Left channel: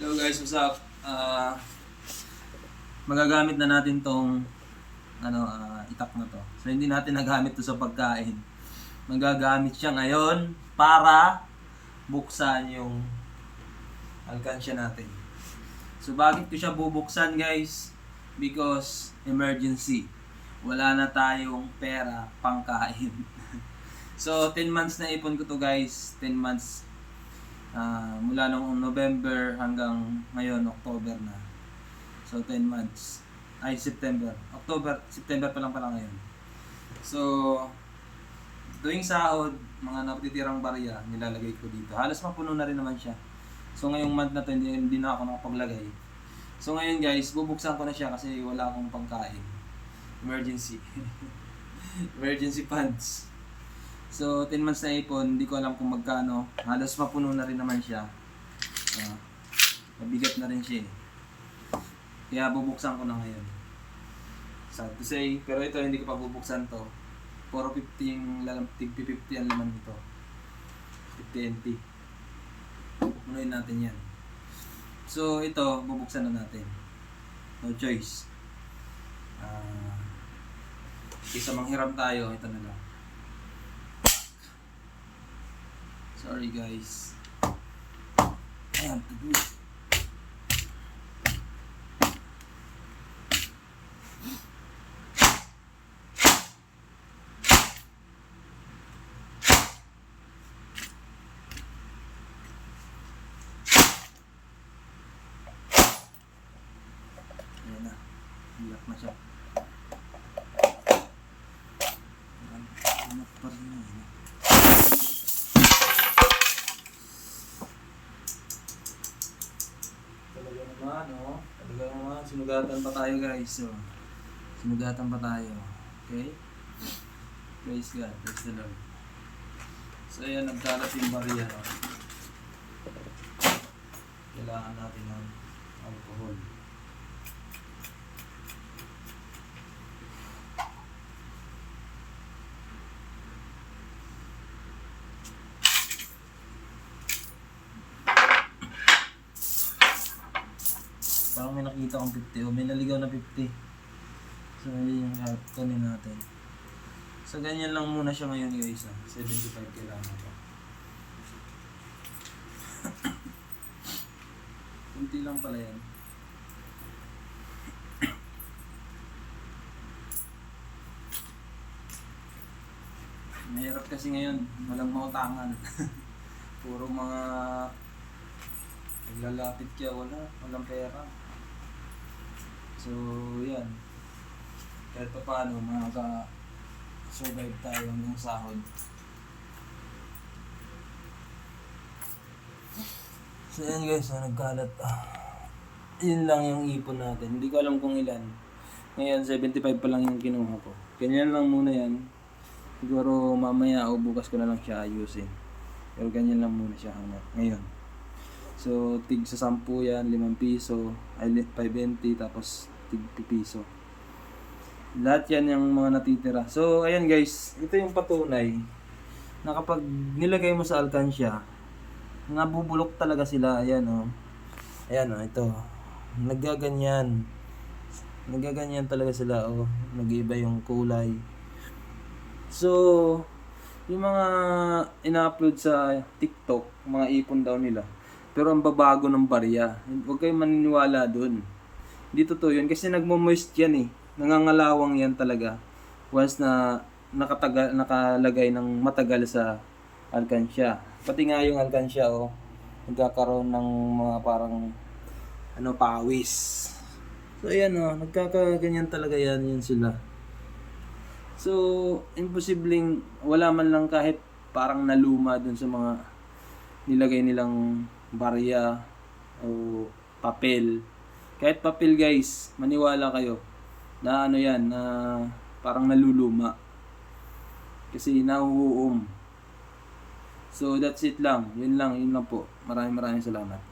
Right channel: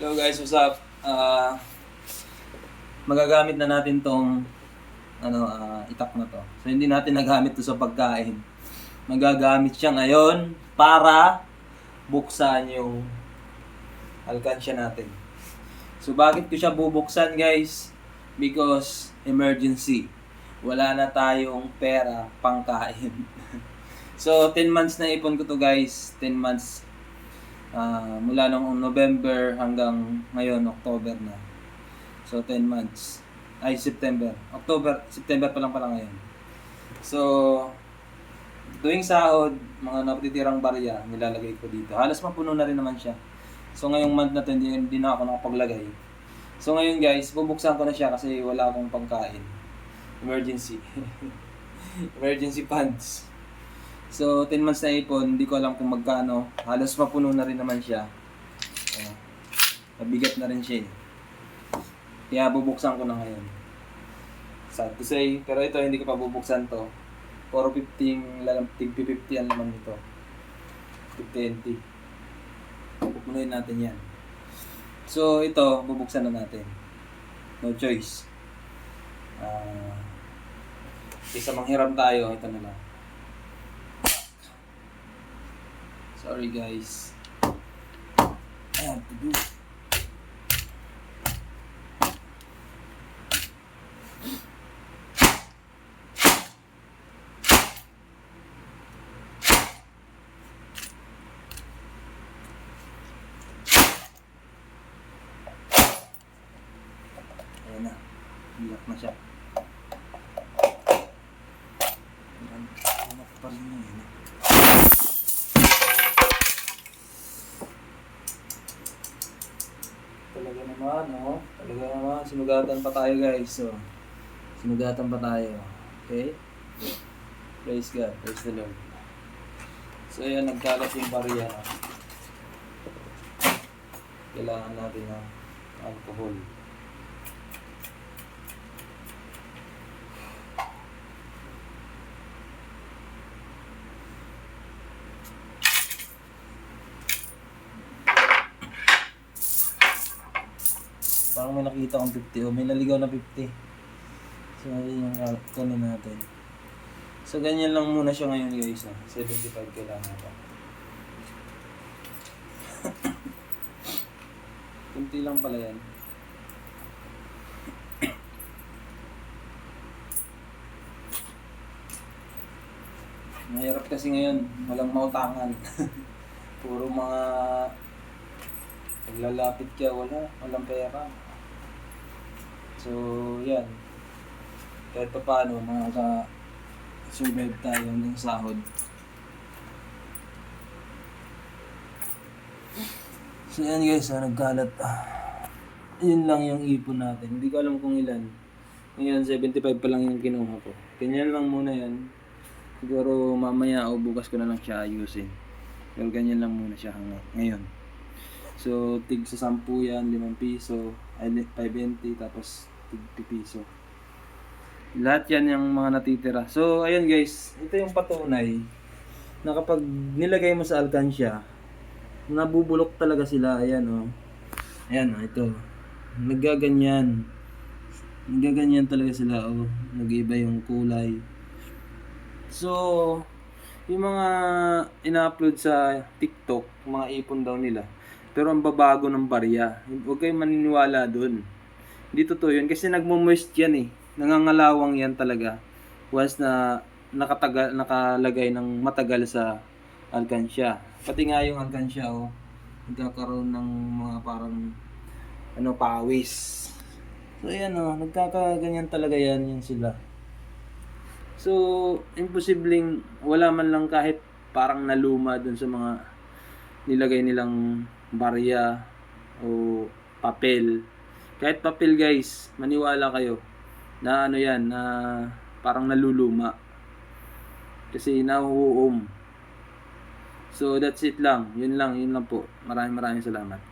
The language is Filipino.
Hello guys, what's up? Magagamit na natin tong itak na to. So hindi natin nagamit to sa pagkain. Magagamit siya ngayon para buksan yung alkansya natin. So bakit ko siya bubuksan guys? Because emergency. Wala na tayong pera pangkain. So 10 months na ipon ko to guys. 10 months mula noong November hanggang ngayon, October na. So 10 months. Ay, September. September pa lang pala ngayon. So, tuwing sahod, mga napatitirang barya, nilalagay ko dito. Halos mapuno na rin naman siya. So ngayong month na to, hindi na ako nakapaglagay. So ngayon guys, bubuksan ko na siya kasi wala akong pangkain. Emergency. Emergency funds. So 10 months na ipon, hindi ko alam kung magkano. Halos mapuno na rin naman siya. Mabigat na rin siya eh. Kaya bubuksan ko na ngayon. Sad to say, pero ito hindi ko pa bubuksan to. 450 tig 50 ang laman nito. 50 NT. Pupunuin natin yan. So ito, bubuksan na natin. No choice. Isa manghiram tayo, ito na lang. Sorry guys. I have to do. Ayan na. Hilak na siya. Hilak pa rin yun. Talaga naman, oh. Talaga naman. Sinugatan pa tayo, guys. So, sinugatan pa tayo. Okay? Praise God. Praise the Lord. So, ayan. Nagkalat yung barya. Kailangan natin ng alcohol. Parang may nakita akong 50 o may naligaw na 50. So yun yung kunin natin. So ganyan lang muna siya ngayon guys. 75 kailangan ito. Kunti lang pala yan. Mahirap kasi ngayon. Walang mautangan. Puro mga lalapit ka, walang pera. So, yan. Kahit pa paano, survive tayo ng sahod. So, yan guys, nagkalat. Yun lang yung ipon natin. Hindi ko alam kung ilan. Ngayon, 75 pa lang yung kinuha ko. Ganyan lang muna yan. Siguro mamaya o bukas ko na lang siya ayusin. Pero ganyan lang muna siya hanggang ngayon. So, tig sa 10 yan, 5 piso, ay 5.20, tapos tig piso. Lahat yan yung mga natitira. So, ayan guys, ito yung patunay na kapag nilagay mo sa alkansya, nabubulok talaga sila. Ayan o. Ayan o, ito. Nagaganyan. Nagaganyan talaga sila o. Nag-iiba yung kulay. So, yung mga ina-upload sa TikTok, mga ipon daw nila. Pero ang babago ng barya. Huwag kayong maniniwala dun. Hindi totoo yun. Kasi nagmo-moist yan eh. Nangangalawang yan talaga. Once na nakalagay ng matagal sa alkansya. Pati nga yung alkansya nagkakaroon ng mga parang pawis. So ayan nagkakaganyan talaga yan sila. So imposibleng wala man lang kahit parang naluma dun sa mga nilagay nilang barya o papel. Kahit papel guys, maniwala kayo na yan, na parang naluluma. Kasi nahuhuom. So that's it lang. Yun lang po. Maraming salamat.